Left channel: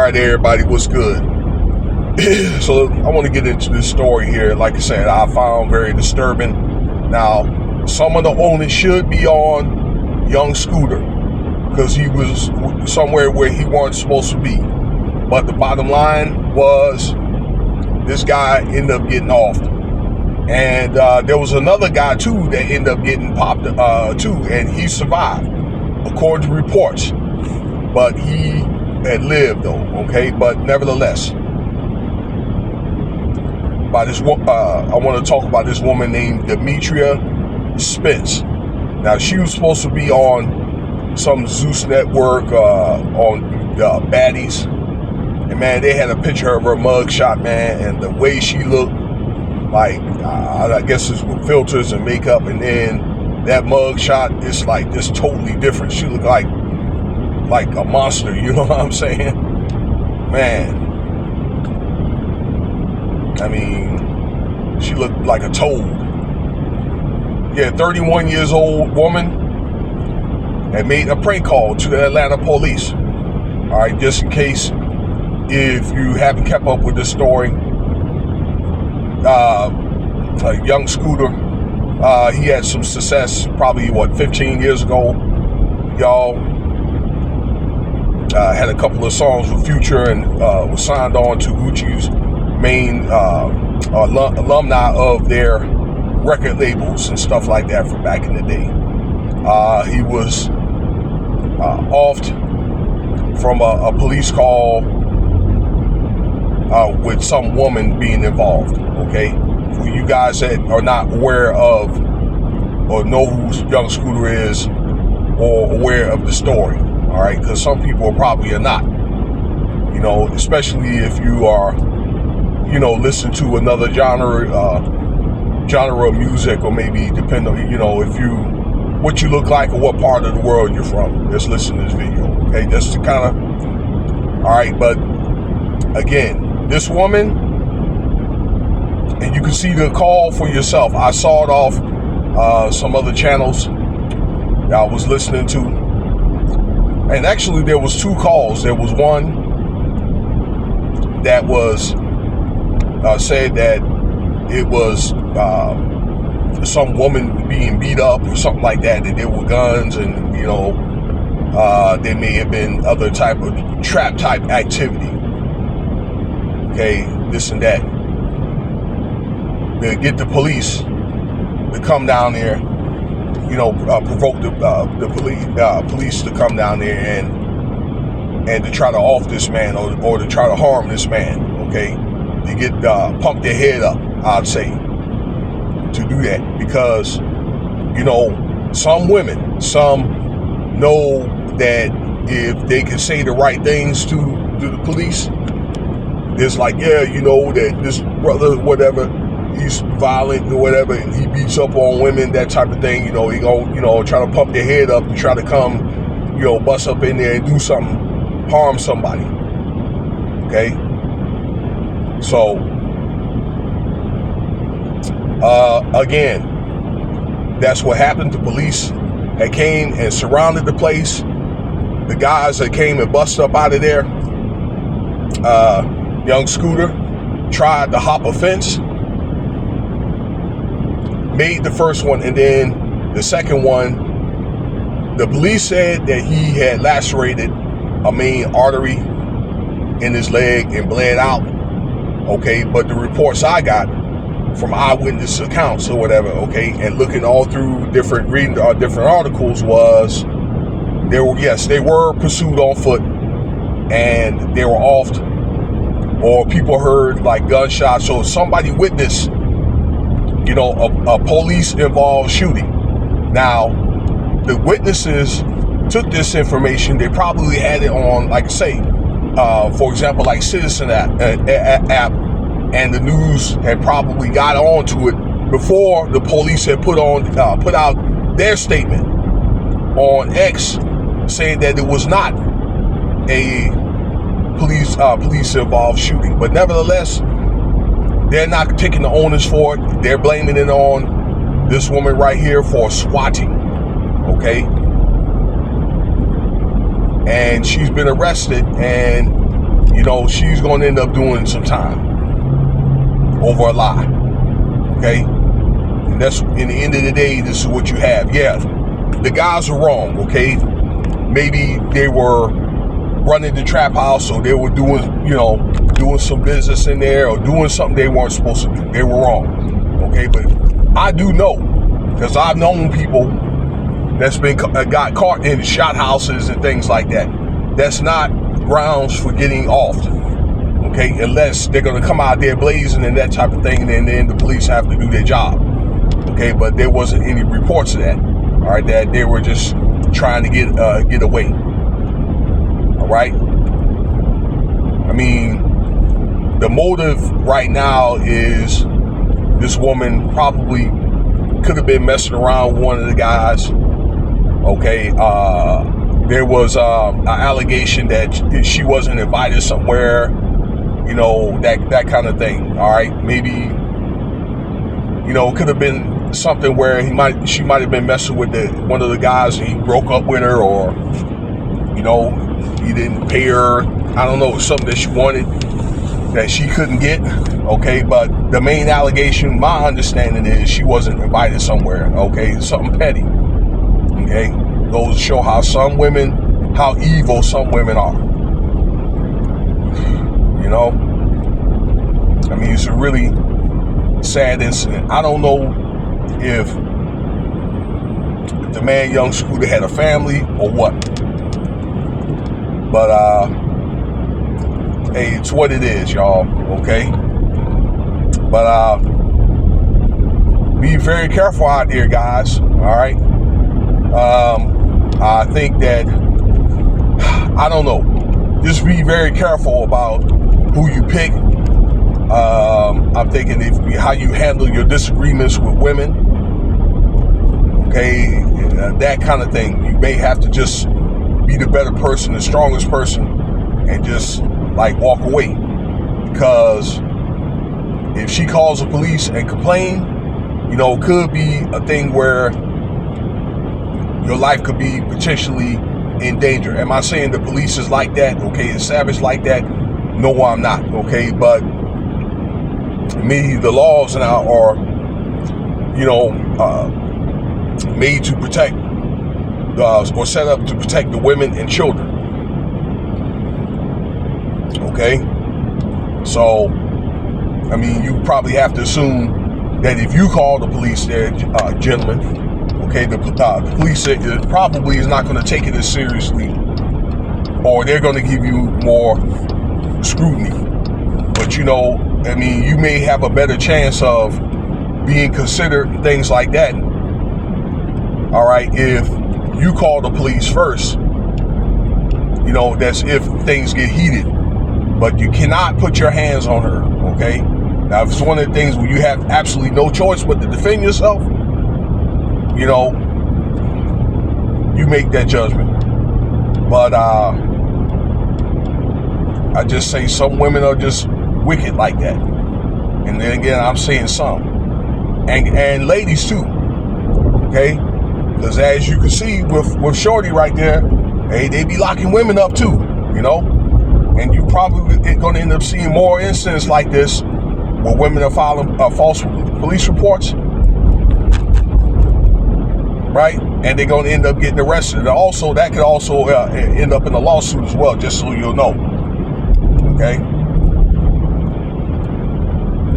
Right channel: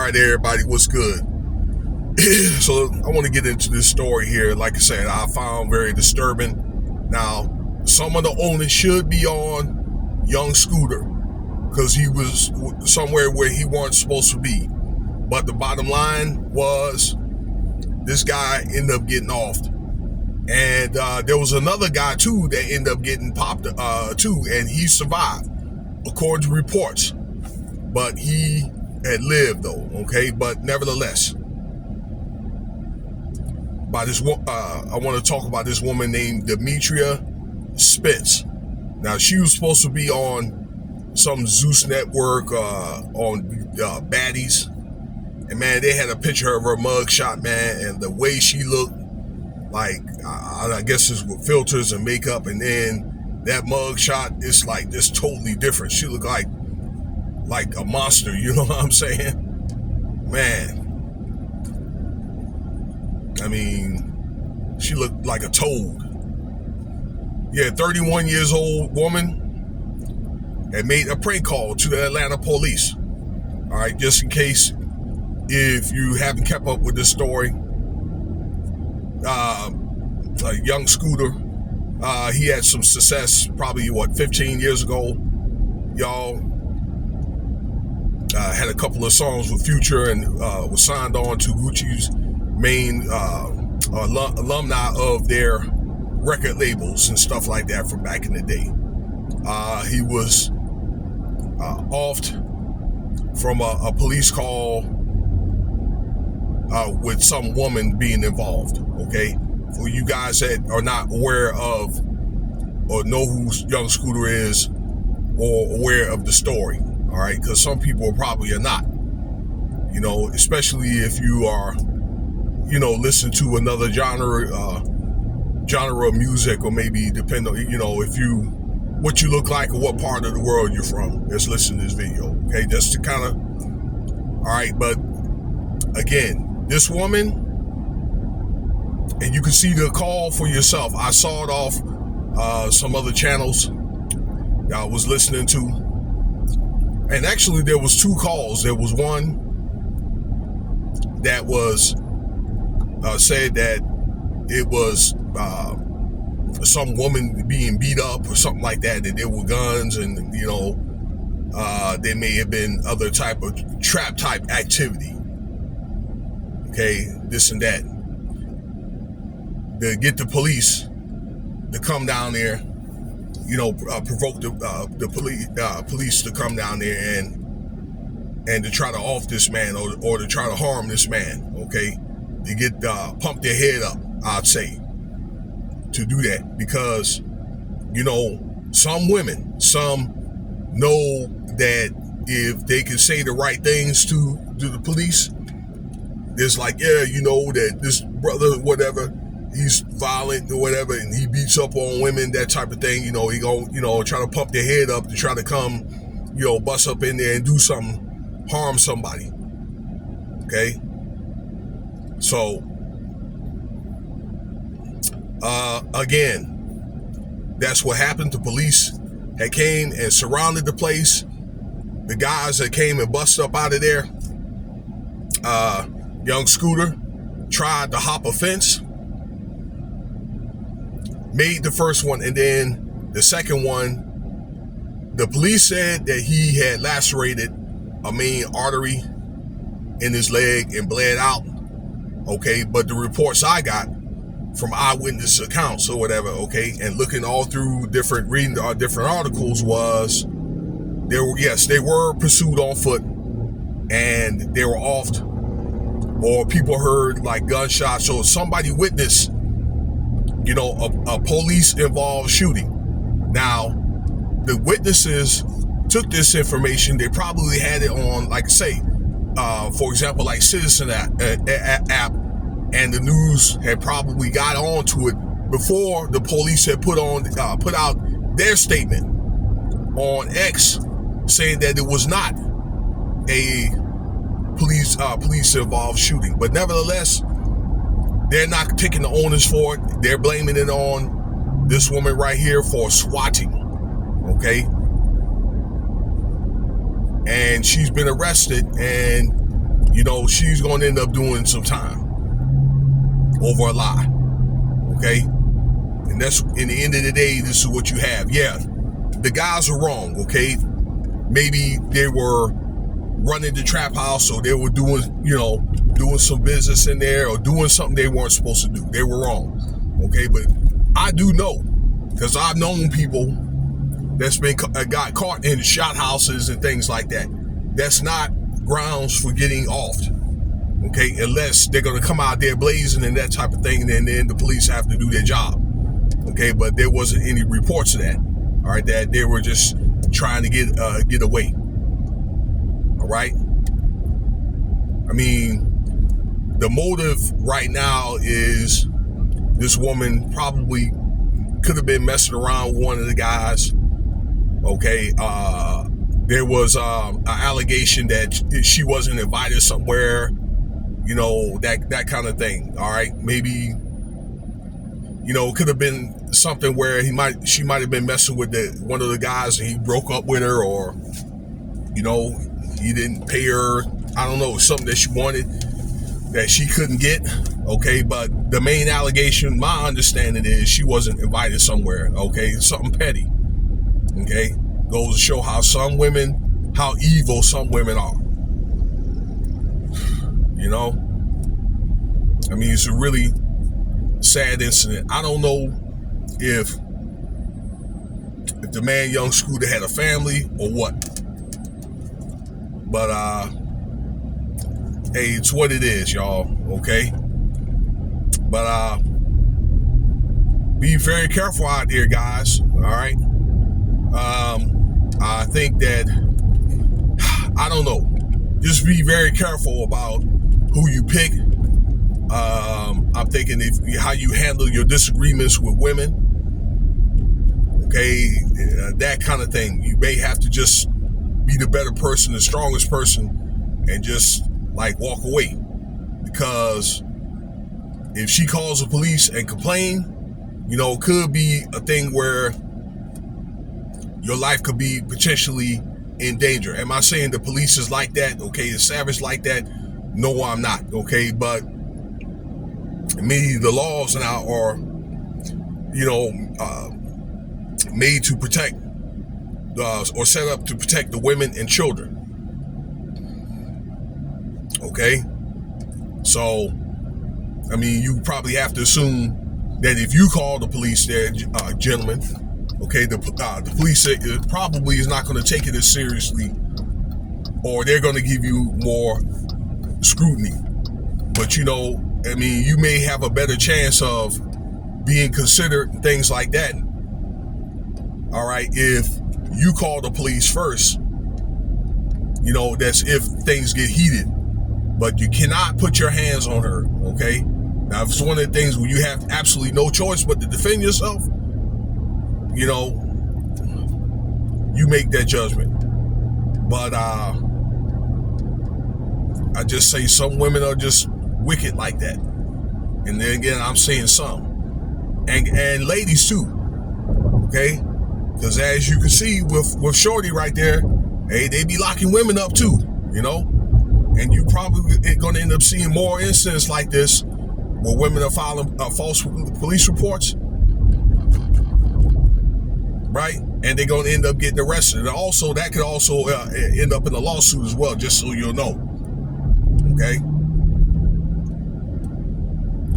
Alright everybody, what's good? So I want to get into this story here. Like I said, I found very disturbing. Now, some of the onus should be on young Scooter because he was somewhere where he wasn't supposed to be. But the bottom line was this guy ended up getting offed. And there was another guy too that ended up getting popped too, and he survived according to reports. But he had lived though, okay? But nevertheless, by this, I want to talk about this woman named Demetria Spence. Now, she was supposed to be on some Zeus network on Baddies, and man, they had a picture of her mugshot, man, and the way she looked, like I guess it's with filters and makeup, and then that mugshot is like just totally different. She looked like a monster, you know what I'm saying? Man, I mean, she looked like a toad. Yeah, 31 years old woman that made a prank call to the Atlanta police. All right, just in case if you haven't kept up with this story, a young Scooter, he had some success probably 15 years ago, y'all. Had a couple of songs with Future and was signed on to Gucci's main alumni of their record labels and stuff like that from back in the day. He was offed from a police call with some woman being involved, okay? For you guys that are not aware of or know who young Scooter is or aware of the story, all right? Because some people probably are not, you know, especially if you are, you know, listen to another genre of music, or maybe depend on, you know, what you look like or what part of the world you're from. Just listen to this video, okay? Just to kind of, all right, but again, this woman, and you can see the call for yourself. I saw it off some other channels that I was listening to. And actually there was two calls. There was one that was said that it was some woman being beat up or something like that, that there were guns and, you know, there may have been other type of trap type activity. Okay, this and that. To get the police to come down there, you know, provoke the police to come down there and to try to off this man or to try to harm this man, okay? To get pump their head up, I'd say, to do that, because, you know, some women, some know that if they can say the right things to the police, it's like, yeah, you know, that this brother, whatever, he's violent or whatever, and he beats up on women, that type of thing, you know, he gonna, you know, try to pump their head up to try to come, you know, bust up in there and do something, harm somebody, okay? So, again, that's what happened. The police had came and surrounded the place. The guys that came and busted up out of there, young Scooter tried to hop a fence, made the first one, and then the second one, the police said that he had lacerated a main artery in his leg and bled out, okay? But the reports I got from eyewitness accounts or whatever, okay, and looking all through reading different articles, was they were pursued on foot and they were offed, or people heard like gunshots, so somebody witnessed, you know, a police involved shooting. Now, the witnesses took this information, they probably had it on, like I say, for example, like Citizen app, and the news had probably got onto it before the police had put out their statement on X, saying that it was not a police involved shooting. But nevertheless, they're not taking the onus for it. They're blaming it on this woman right here for swatting, okay? And she's been arrested, and she's going to end up doing some time over a lie. Okay? And that's, in the end of the day, this is what you have. Yeah, the guys are wrong, okay? Maybe they were running the trap house, or they were doing some business in there, or doing something they weren't supposed to do. They were wrong, okay? But I do know, because I've known people that's got caught in shot houses and things like that. That's not grounds for getting offed, okay? Unless they're going to come out there blazing and that type of thing, and then the police have to do their job, okay? But there wasn't any reports of that, all right? That they were just trying to get away, all right? I mean, the motive right now is this woman probably could have been messing around with one of the guys. Okay, there was an allegation that she wasn't invited somewhere, that kind of thing. All right, maybe, it could have been something where she might have been messing with one of the guys, and he broke up with her, or he didn't pay her. I don't know, something that she wanted that she couldn't get. Okay, but the main allegation, my understanding, is she wasn't invited somewhere. Okay, something petty. Okay, goes to show how evil some women are. I mean, it's a really sad incident. I don't know if the man, young Scooter, had a family or what, but hey, it's what it is, y'all. Okay, but be very careful out there, guys. All right. I think that, I don't know, just be very careful about who you pick. I'm thinking how you handle your disagreements with women, okay, that kind of thing. You may have to just be the better person, the strongest person, and just walk away, because if she calls the police and complain, it could be a thing where your life could be potentially in danger. Am I saying the police is like that? Okay, is savage like that? No, I'm not. Okay, but the laws now are, made to protect, or set up to protect the women and children. Okay, so I mean, you probably have to assume that if you call the police there, gentlemen, okay, the police probably is not going to take it as seriously, or they're going to give you more scrutiny. But I mean, you may have a better chance of being considered, things like that, all right, if you call the police first. That's if things get heated. But you cannot put your hands on her, okay? Now, if it's one of the things where you have absolutely no choice but to defend yourself, you make that judgment. But I just say some women are just wicked like that. And then again, I'm saying some. And ladies too, okay? Because as you can see with Shorty right there, hey, they be locking women up too, And you probably going to end up seeing more incidents like this where women are filing false police reports, right? And they're going to end up getting arrested. And also, that could also end up in a lawsuit as well, just so you'll know. Okay?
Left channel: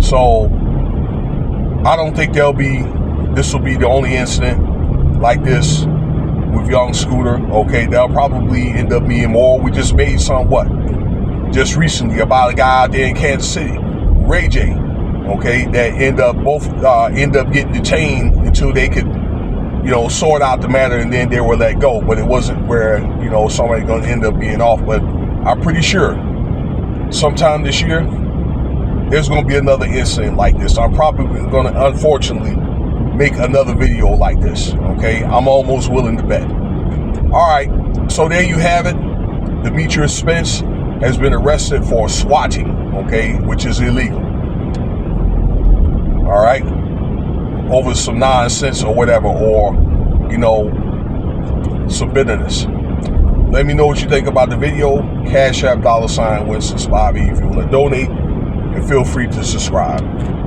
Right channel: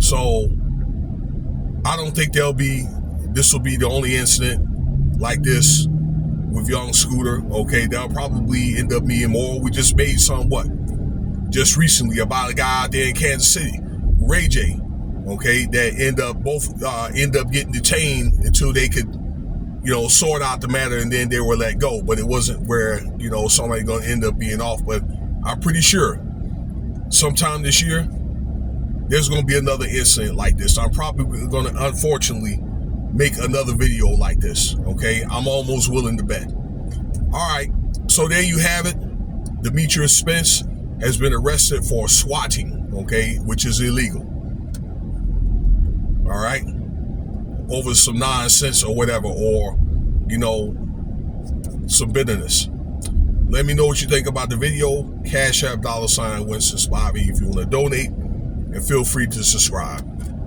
So, I don't think this will be the only incident like this with young Scooter. Okay, there'll probably end up being more. We just made some, just recently, about a guy out there in Kansas City, Ray J, okay, that end up getting detained until they could, sort out the matter, and then they were let go. But it wasn't where, somebody going to end up being off. But I'm pretty sure sometime this year, there's going to be another incident like this. I'm probably going to, unfortunately, make another video like this, okay? I'm almost willing to bet. All right, so there you have it. Demetrius Spence has been arrested for swatting, okay, which is illegal. All right, over some nonsense or whatever, or some bitterness. Let me know what you think about the video. Cash App $Winston Spivey if you want to donate, and feel free to subscribe.